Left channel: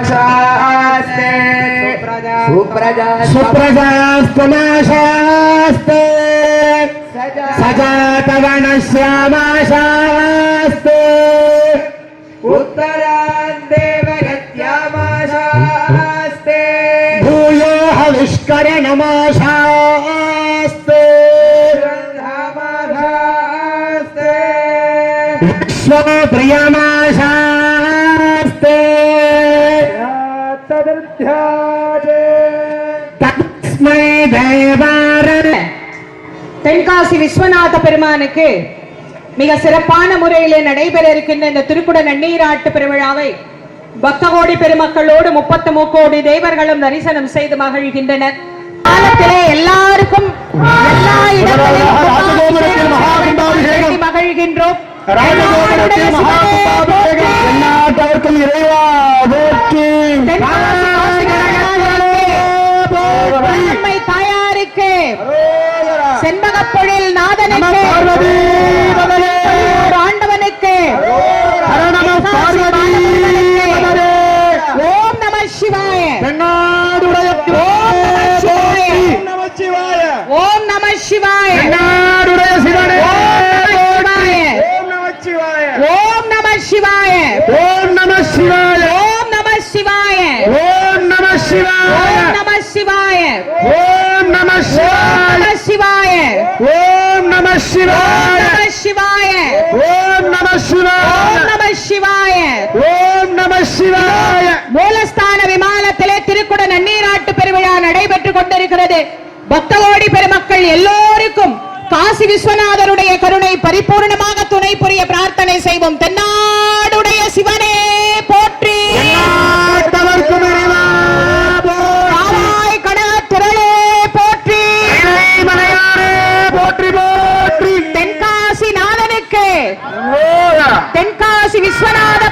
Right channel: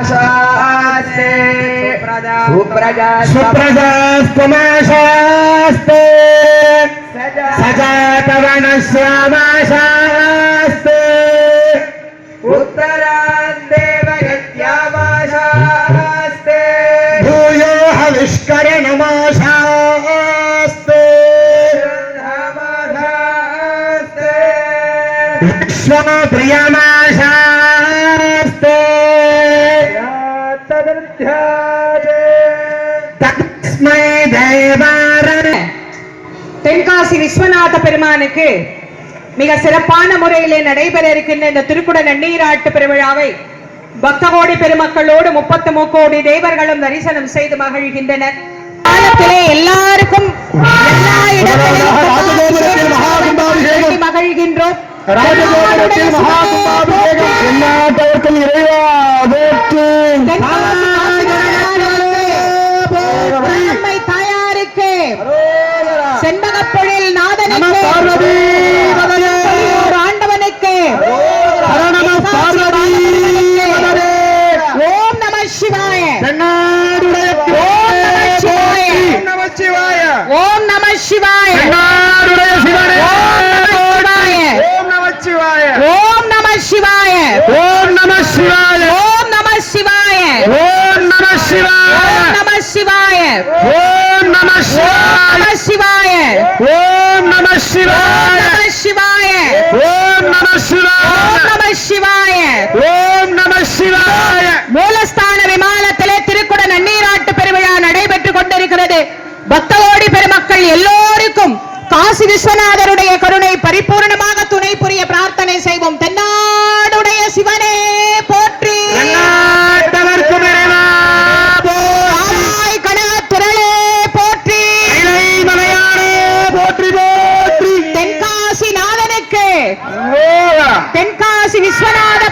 सुप्रजास्तमाशास्ते सदा पवनश्यामाशास्ते उत्तरान्देवयत्यामाशास्ते भूयो हविष्करणमाशास्ते विश्वप्रियमाशास्ते தென்காசி விஸ்வநாத பெருமானுக்கு மிக சிறப்பான முறையிலே நடைபெற இருக்கின்ற இந்த திருக்குட நன்னீராட்டு பெருவிழாவை பக்தகோடி பெருமக்களோடு முப்பத்து முக்கோடி தேவர்களும் தரிசனம் செய்து மகிழ்கின்றனர். எல்லாருக்கும் எல்லா இடங்களிலும் மகிழ்கின்றோம். எல்லா அம்மை தாயாருக்கு. செண்பகப்பொழில் நாதனுக்கு. ஆண்டவனுக்கு. ஓம் நம சிவாய. ஓம் நம சிவாய. ஓம் நம சிவாய. ஓம் நம சிவாய. நம சிவாய. ஓம் நம சிவாய. ஓம் நம சிவாய. ஓம் நம சிவாய. ஓம் நம சிவாய. ஓம் நம சிவாய. ஓம் ஓம் நம சிவாய. நம சிவாய. மூலஸ்தான விமானத்திலே திருக்குட நன்னீராட்டு பெருவிழா நடைபெற்றுக் கொண்டிருக்கிறது. பக்தகோடி பெருமக்கள் எல்லோருக்கும் காசி விஸ்வநாதருடைய கருணை பரிபூர்ணமாக துணை புரிய பிரார்த்தனை செய்வோம். தென்னாடுடைய తెంకాసి విశ్వనాథ